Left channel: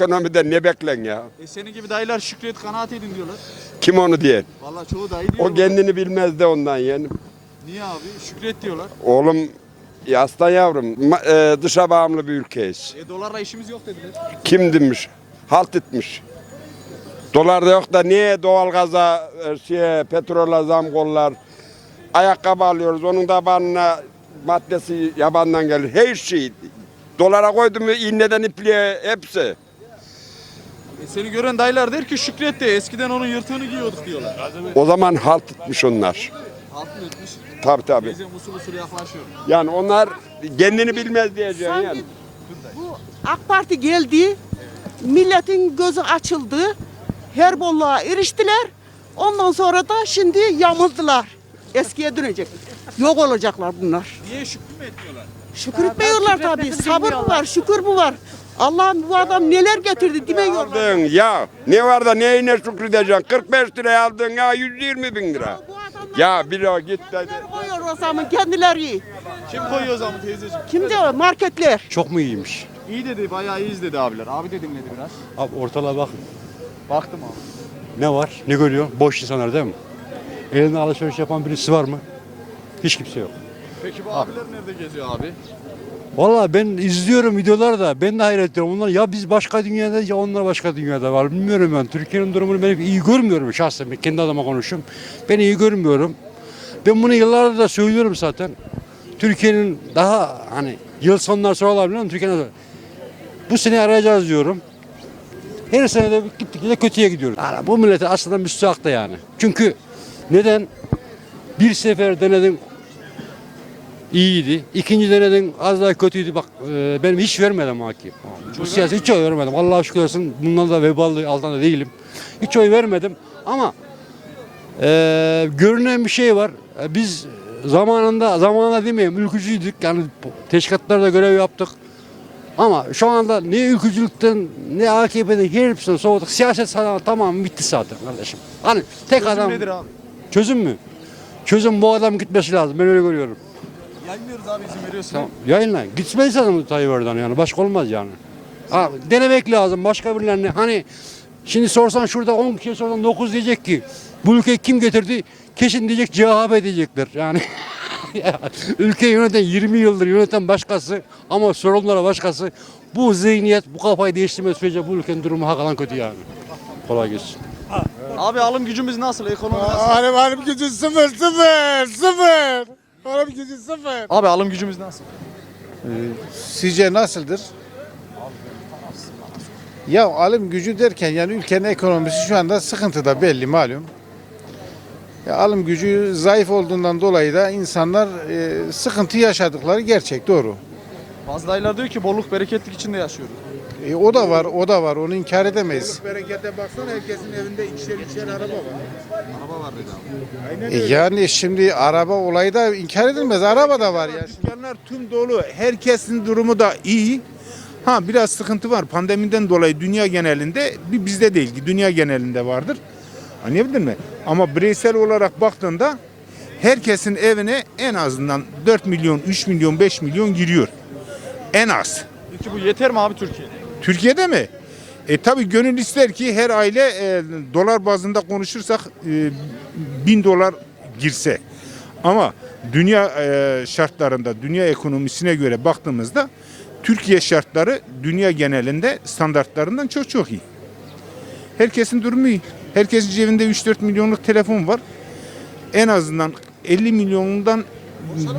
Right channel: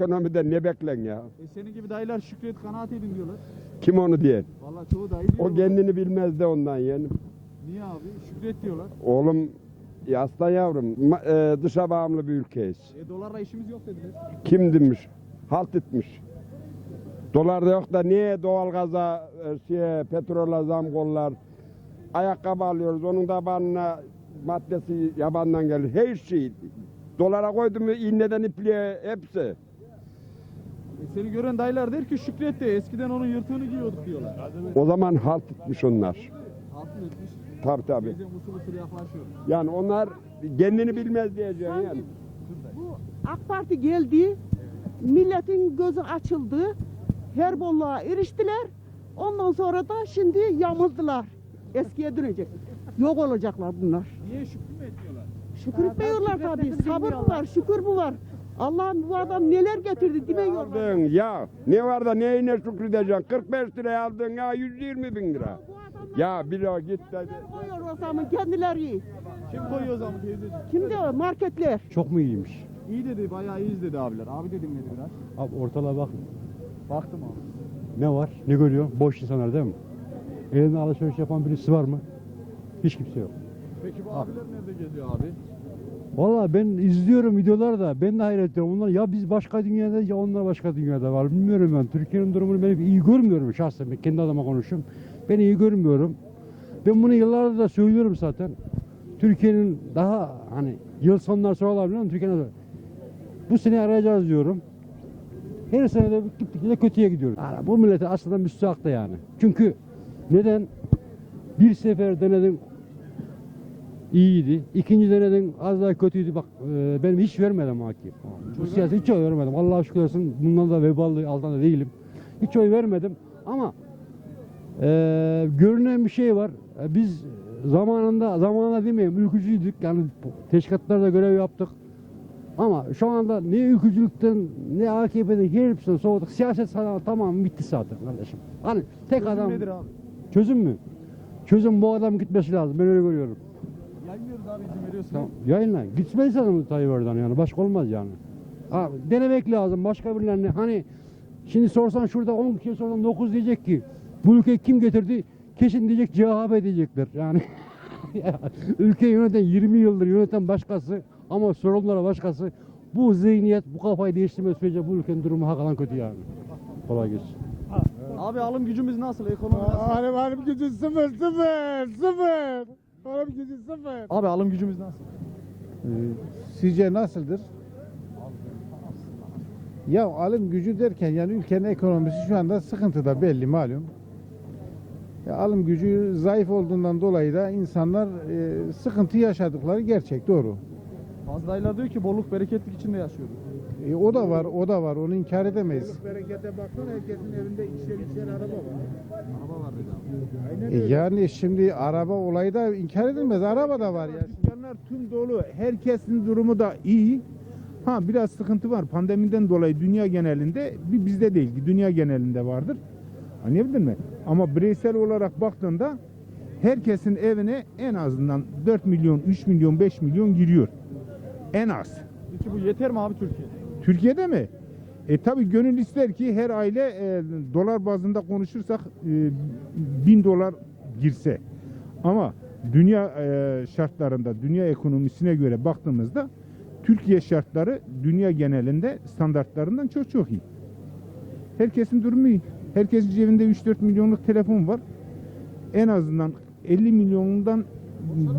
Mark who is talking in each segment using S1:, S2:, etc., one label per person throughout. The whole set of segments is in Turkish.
S1: Ekonomide ne beklen ya?
S2: E senin gibi dayılar şükret kanaat edin diyorlar.
S1: Kim onu diyen?
S2: Vallahi çoğu dayı diyor.
S1: O kendini bilmez de ondan yani.
S2: Niye abi? Şükret diyorlar.
S1: Oğlum ya aslan yavrum ma- e, dışa bağımlı bir ülkeyiz.
S2: E dolarla işimiz yok dediler.
S1: Kim demiş? Halt etmiş. Dolar da yok da niye doğalgaza, e, şeye, petrola zam kollar? Ayakkabı alıyoruz. Onun da banına maddesi yabandan gelir. Her şey. Dolara koydum mu iğneden ipliğe hepsi.
S2: E seni gören dayılar der ki şükret de eskiden onun yırtığını giyiyorduk diyorlar.
S1: O zaman halt etmiş onlar.
S2: Altın etmiş.
S1: Tabii tabii.
S2: Teyzem usul usul yaklaşıyor.
S1: Yani onlar kendini bilmez diyeceğim
S3: Sanki
S1: yani.
S3: bu AK Parti geldi, milletin gözü açıldı, her bolluğa eriştiler. Ondan sonra da şimdi yamıldılar. Eskiye dönecek. Yok olacaklar bunlar.
S2: Niye şükür mü etmiyorlar?
S3: Şükür etmiyorlar tabii. Sabır mı var, şükür mü var? Allah'ım bu adam neler getirdi demiyorlar.
S1: Aldın ya ne var da neyine şükredeceksin? 45 liraya aldın ya 120 bin lira. Ya bir o git dedi.
S3: koyuyor o zaman kendileri.
S2: Kim koyuyor o zaman teyzeciğim?
S3: Kim diyor? Marketler.
S4: Çok mu iyiymiş?
S2: İyi dedi bayağı iyiyiz dedi abiler. Abi de dinledi biraz.
S4: Abi ortalığa bak.
S2: Baktım abi.
S4: Ne var? Ne görüyor? Boş insanlar değil mi? Elinde alışveriş yapan birisi var mı? Hiç kimse yok.
S2: Peki bu abiler nerede geziyor abi?
S4: Vallahi ben izliyorum videolarda. Ben de hayret ediyorum. Onlar ya biz başka dünyada ya onlar başka dünyada var. Bilmiyorum ben. Türkiye'nin durumunu ben iyi görmüyorum şahsen. Ben kendi adıma konuşuyorum. Ben iyi görmüyorum. Ben bunu yıllardır da söylüyorum zaten. Türkiye'nin daha hani yıl sonlar sonra olabilir ama Türkiye'nin bu sene arayacağız diyorum. Her sene de gittikçe kötüye gidiyoruz. Yani bu millete aslında müstahak da yani. Çünkü neden? Bir sefer denedin iyiydi. İkinci denedin az daha kötüydü. Bak e, benim hiç vermedim hakim. Bu siyasi hiç oy vermedim. Allah'a şükür olsun bundan da vebalı altında değilim. Hiç oy vermedim. Ama e, görünen bir şey var. E, biz zamanında zamanında demeyeyim ülkücüydük. Yani teşkilatlarda görev yaptık. Ama şu anda ne ülkücülükten ne AKP'den hepsinden soğuduk. Siyaset sana tamam bitti zaten kardeşim. Hani tek
S2: Çözüm
S4: adam
S2: nedir abi?
S4: çözüm mü? Çözüm bu adam gitmesi lazım. Ben öyle görüyorum.
S2: Yayınlıyoruz abi izin veriyorsun.
S4: Tamam. Yayınla. Gitmez lazım Tayyip Erdoğan yani. Başka olmaz yani. Ha, denemek lazım. Başka birilerine hani şimdi sorsan şurada 10 kişi sorsan 9 diyecek ki bu ülkeyi kim getirdi? Kesin diyecek CHP diyecekler. Yani ya, ülkeyi yöneten 20 yıldır yöneten başkası ama sorunlara başkası. Bu zihniyet, bu kafayı değiştirme sürece bu ülkenin durumu hakikaten kötü yani. Kolay gelsin.
S2: Abi alım gücümüz nasıl? Ekonomi nasıl?
S5: Alım alım gücü sıfır sıfır sıfır. Alım gücü sıfır.
S2: Abi alım gücümüz nasıl?
S5: Sizce nasıldır? Ya alım gücü derken yani ülkenin ekonomisi şu anda sıkıntıda belli malum. Ya alım gücü zayıf olduğundan dolayı da insanlar e, sıkıntı yaşadıkları gerçek doğru.
S2: Bazı dayılar diyor ki bolluk bereketlik içinde yaşıyoruz.
S5: E, o da var o da var onu inkar edemeyiz.
S6: Berekete baksana herkesin evinde ikişer ikişer araba var.
S2: Araba var.
S5: E, yani şimdi araba olayı da inkar edilmez araba da var ya.
S6: Dükkanlar tüm dolu. Herkesin durumu da iyi. Ha biraz sıkıntı var. Pandemiden dolayı dünya genelinde bir bizde değil ki dünya genelinde vardır. Anlayabildin mi? Ama bireysel olarak baktığında herkesin evine en azından 4 milyon, 3 milyon, 5 milyon giriyor. En az.
S2: Peki bu yeter mi abi Türkiye'de?
S6: Türkiye'de mi? E tabi gönül ister ki her aile e, dolar bazında konuşursak e, bin dolar girse. Ama dünya e, şartlarında, dünya ekonomisine göre baktığımızda Türkiye şartları dünya genelinde standartlarından çok çok iyi. Herkesin durumu iyi. Herkesin cebinde 3-4 milyonluk telefon var. En azından 50 milyonundan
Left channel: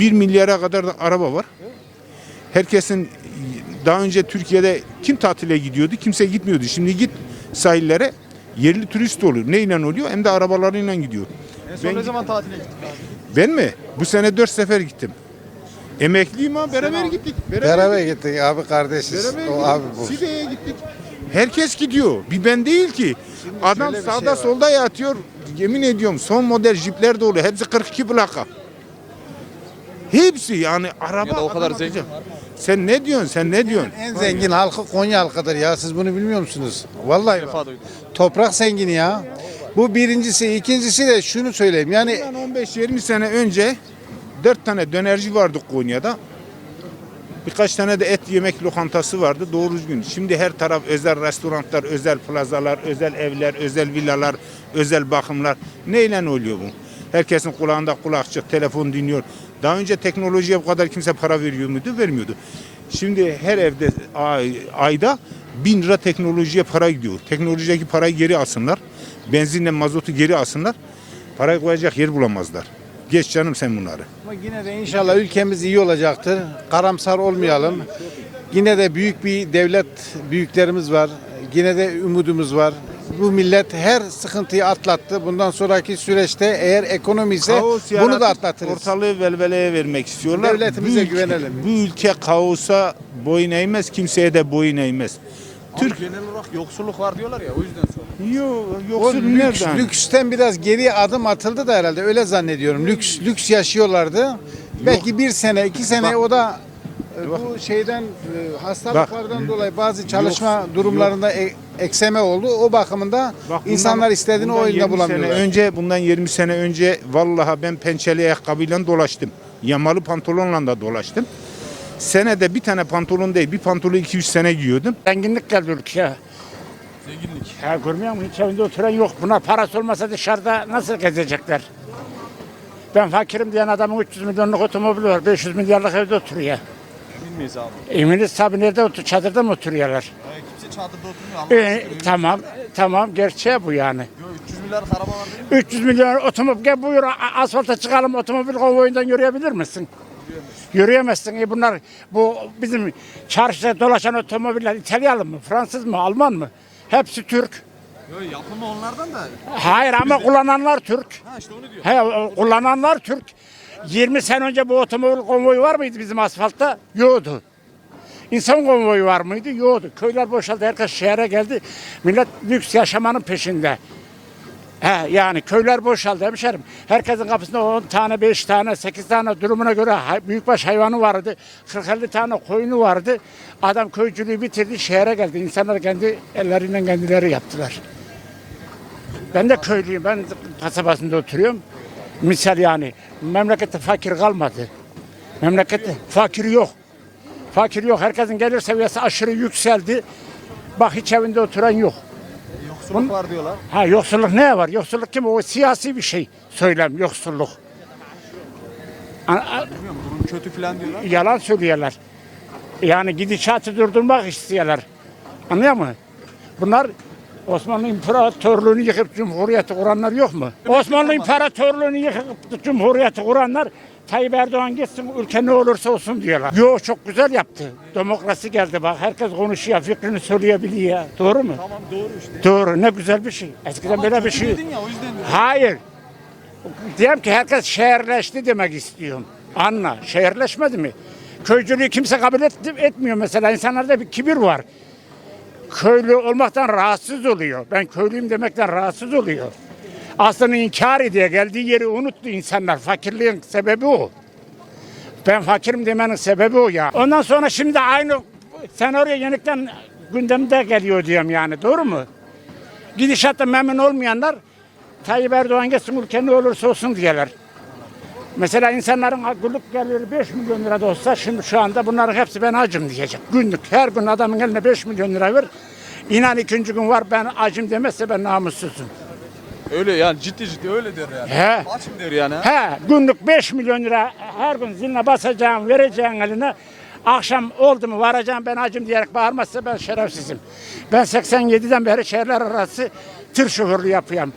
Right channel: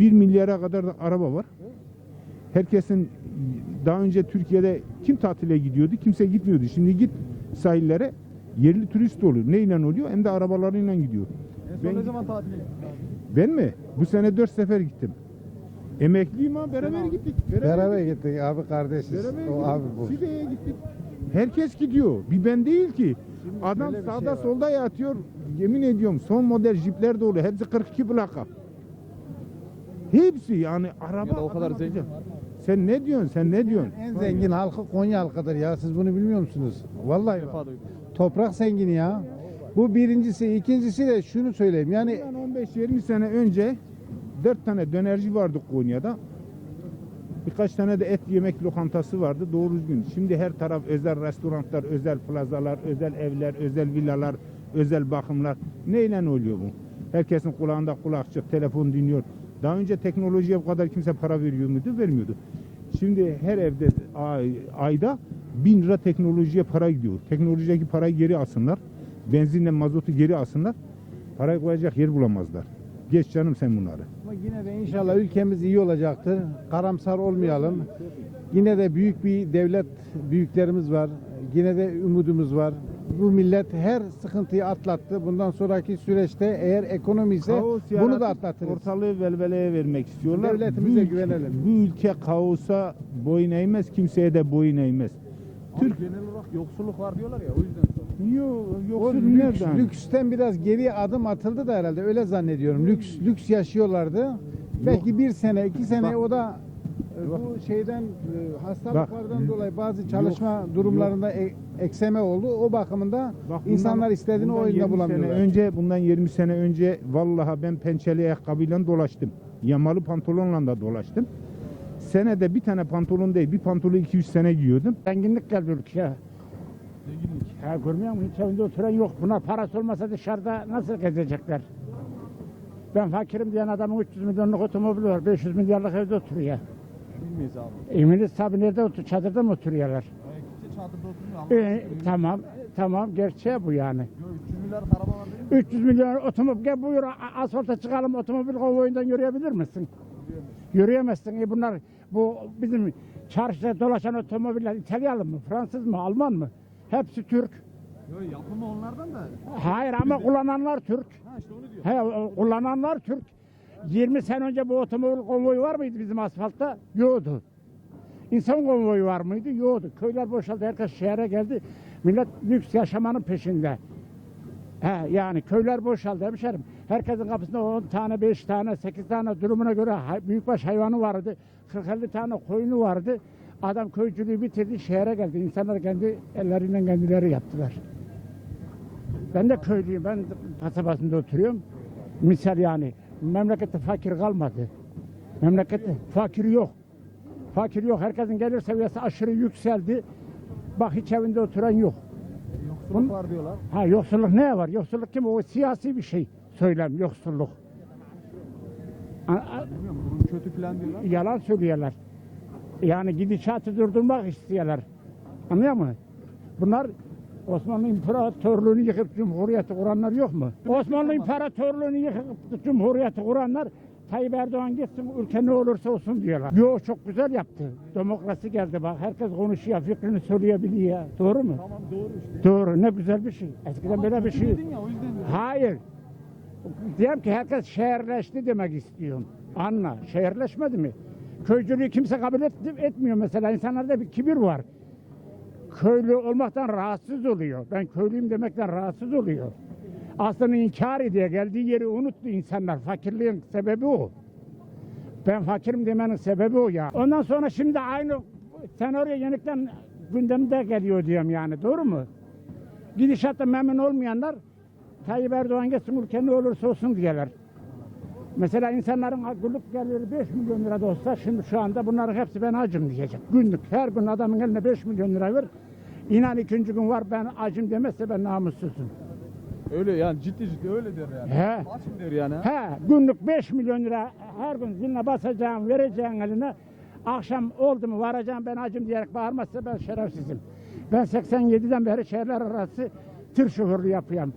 S6: 1 milyara kadar da araba var. Herkesin daha önce Türkiye'de kim tatile gidiyordu? Kimse gitmiyordu. Şimdi git sahillere yerli turist oluyor. Neyle oluyor? Hem de arabalarıyla gidiyor.
S2: En son
S6: Ben-
S2: ne zaman tatile gittik abi?
S6: Ben mi? Bu sene 4 sefer gittim. Emekliyim ha beraber gittik.
S5: Beraber gittik abi kardeşiz.
S6: Beraber
S5: O
S6: gittik.
S5: abi bu.
S6: Side'ye gittik. Herkes gidiyor. Bir ben değil ki. Adam
S5: şöyle bir
S6: sağda
S5: şey var.
S6: solda yatıyor. Yemin ediyorum son model jipler dolu. Hepsi 42 plaka. Hepsi yani araba.
S2: Ya da o kadar
S6: adam
S2: zengin
S6: atacak. Sen ne diyorsun? Sen ne diyorsun?
S5: En zengin halkı Konya halkıdır ya siz bunu bilmiyor musunuz? Vallahi bak. toprak zengini ya. Bu birincisi, ikincisi de şunu söyleyeyim. Yani
S6: Bundan 15-20 sene önce 4 tane dönerci vardı Konya'da. Birkaç tane de et yemek lokantası vardı doğru düzgün. Şimdi her taraf özel restoranlar, özel plazalar, özel evler, özel villalar, özel bakımlar. Neyle oluyor bu? Herkesin kulağında kulakçık, telefon dinliyor. Daha önce teknolojiye bu kadar kimse para veriyor muydu? Vermiyordu. Şimdi her evde ay- ayda bin lira teknolojiye para gidiyor. Teknolojideki parayı geri alsınlar. Benzinle mazotu geri alsınlar. Parayı koyacak yer bulamazlar. Geç canım sen bunları.
S5: Ama yine de inşallah ülkemiz iyi olacaktır. Karamsar olmayalım. Yine de büyük bir devlet büyüklerimiz var. Yine de umudumuz var. Bu millet her sıkıntıyı atlattı. Bundan sonraki süreçte eğer ekonomi ise
S6: Kaos
S5: bunu
S6: yaratıp
S5: da atlatırız.
S6: Ortalığı velveleye vermek istiyorlar.
S5: Devletimize
S6: Bu ülke-
S5: güvenelim.
S6: Bu ülke kaosa boyun eğmez, kimseye de boyun eğmez.
S2: Türk genel olarak yoksulluk var diyorlar ya o yüzden.
S6: Yok,
S5: O
S6: yoksul
S5: lüks,
S6: nereden?
S5: lüksten biraz geriye adım atıldı da herhalde öyle zannediyorum. Lüks lüks yaşıyorlardı. Belki bir sene, iki sene o da bu şeyden e, hastalıklardan dolayı bazı çalışma durumlarında e- ekseme oldu. O bakımında
S6: Bak bundan-
S5: insanlar istediğini
S6: bundan
S5: o oyunda
S6: 20
S5: bulamıyorlar.
S6: Sene önce, bundan 20 sene önce vallahi ben pençeli ayakkabıyla dolaştım. Yamalı pantolonla da dolaştım. Senede bir tane pantolon değil, bir pantolonu 2-3 sene giyiyordum.
S7: Zenginlik geldi ülkeye.
S2: Zenginlik.
S7: Ha görmüyor musun? Hiç evinde oturan yok. Buna parası olmasa dışarıda nasıl gezecekler? Ben fakirim diyen adamın 300 milyonluk otomobili var. 500 milyarlık evde oturuyor.
S2: Bilmeyiz abi.
S7: Eminiz tabii nerede oturuyor? Çadırda mı oturuyorlar?
S2: Yani kimse çadırda oturmuyor. Allah
S7: Ee, tamam, tamam. Gerçeği bu yani.
S2: Yo, 300 milyar araba var değil mi?
S7: 300 milyon otomobil gel buyur asfalta çıkalım otomobil konvoyundan yürüyebilir misin? Yürüyemezsin. E bunlar bu bizim çarşıda dolaşan otomobiller İtalyalı mı, Fransız mı, Alman mı? Hepsi Türk.
S2: Yo, yapımı onlardan da.
S7: Hayır ama kullananlar Türk.
S2: Ha işte onu diyor.
S7: He, kullananlar Türk. 20 sene önce bu otomobil konvoyu var mıydı bizim asfaltta? Yoktu. İnsan konvoyu var mıydı? Yoktu. Köyler boşaldı. Herkes şehre geldi. Millet lüks yaşamanın peşinde. He, yani köyler boşaldı hemşerim. Herkesin kapısında 10 tane, 5 tane, 8 tane durumuna göre hay- büyükbaş hayvanı vardı. 40-50 tane koyunu vardı. Adam köycülüğü bitirdi, şehre geldi. İnsanlar kendi elleriyle kendileri yaptılar. Ben de köylüyüm. Ben kasabasında oturuyorum. Misal yani memlekette fakir kalmadı. Memlekette fakir yok. Fakir yok. Herkesin gelir seviyesi aşırı yükseldi. Bak hiç evinde oturan yok.
S2: Yoksulluk var diyorlar.
S7: Ha yoksulluk ne var? Yoksulluk kim? O siyasi bir şey. Söylem yoksulluk.
S2: Bilmiyorum durum kötü falan diyorlar.
S7: yalan söylüyorlar. Yani gidişatı durdurmak istiyorlar. Anlıyor musun? Bunlar Osmanlı İmparatorluğunu yıkıp Cumhuriyeti kuranlar yok mu? Osmanlı İmparatorluğunu yıkıp Cumhuriyeti kuranlar Tayyip Erdoğan gitsin ülke ne olursa olsun diyorlar. Yo çok güzel yaptı. Demokrasi geldi bak herkes konuşuyor fikrini söyleyebiliyor. Doğru mu?
S2: Tamam doğru işte.
S7: Doğru ne güzel bir şey. Eskiden böyle bir şey.
S2: Ya o yüzden.
S7: Hayır. Diyorum ki herkes şehirleşti demek istiyorum. Anla. Şehirleşmedi mi? Köycülüğü kimse kabul et, etmiyor mesela. İnsanlarda bir kibir var. Köylü olmaktan rahatsız oluyor. Ben köylüyüm demekten rahatsız oluyor. Aslında inkar ediyor. Geldiği yeri unuttu insanlar. Fakirliğin sebebi o. Ben fakirim demenin sebebi o ya. Ondan sonra şimdi aynı senaryo yenikten gündemde geliyor diyorum yani. Doğru mu? Gidişatta memnun olmayanlar Tayyip Erdoğan geçsin ülke ne olursa olsun diyorlar. Mesela insanların günlük geliri 5 milyon lira da olsa şimdi şu anda bunların hepsi ben acım diyecek. Günlük her gün adamın eline 5 milyon lira ver. İnan ikinci gün var ben acım demezse ben namussuzum.
S2: Öyle yani ciddi ciddi öyle der yani.
S7: He.
S2: Açım der yani.
S7: He günlük 5 milyon lira her gün ziline basacağım vereceğim eline. Akşam oldu mu varacağım ben acım diyerek bağırmazsa ben şerefsizim. Ben 87'den beri şehirler arası tır şoförlüğü yapıyorum.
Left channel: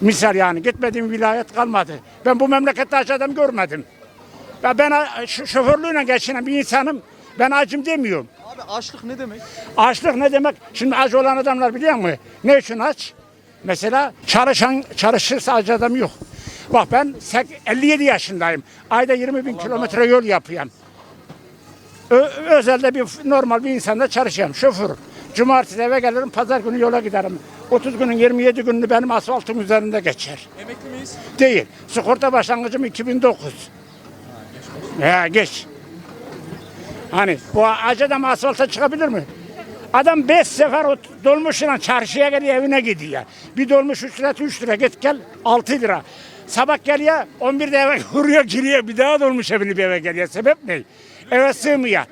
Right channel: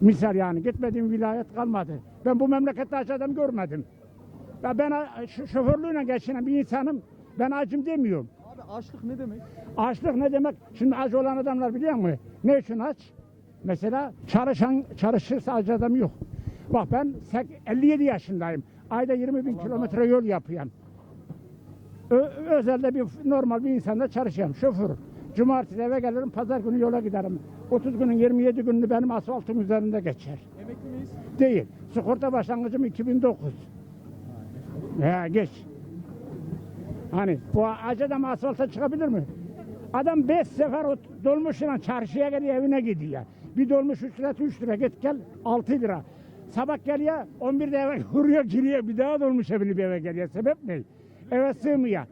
S7: Misal yani gitmediğim vilayet kalmadı. Ben bu memlekette aç adam görmedim. Ya ben a- ş- şoförlüğüne geçinen bir insanım. Ben acım demiyorum.
S2: Abi açlık ne demek?
S7: Açlık ne demek? Şimdi aç olan adamlar biliyor musun? Ne için aç? Mesela çalışan çalışırsa aç adam yok. Bak ben sek- 57 yaşındayım. Ayda 20 bin kilometre yol yapıyorum. Ö- özelde bir normal bir insanda çalışıyorum. Şoför. Cumartesi eve gelirim, pazar günü yola giderim. 30 günün 27 gününü benim asfaltın üzerinde geçer.
S2: Emekli miyiz?
S7: Değil. Sigorta başlangıcım 2009. Ya geç. Hani bu acı adam asfalta çıkabilir mi? Adam 5 sefer o dolmuşla çarşıya geliyor evine gidiyor. Bir dolmuş 3 lira 3 lira git gel 6 lira. Sabah geliyor 11'de eve vuruyor giriyor bir daha dolmuş evini bir eve geliyor. Sebep ne? Eve sığmıyor.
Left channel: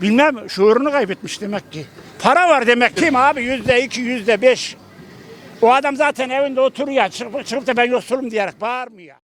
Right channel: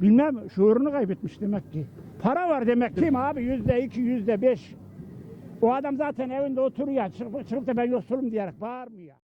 S7: Bilmem şuurunu kaybetmiş demek ki. Para var demek ki abi yüzde iki yüzde beş. O adam zaten evinde oturuyor. Çıkıp, çıkıp da ben yoksulum diyerek bağırmıyor.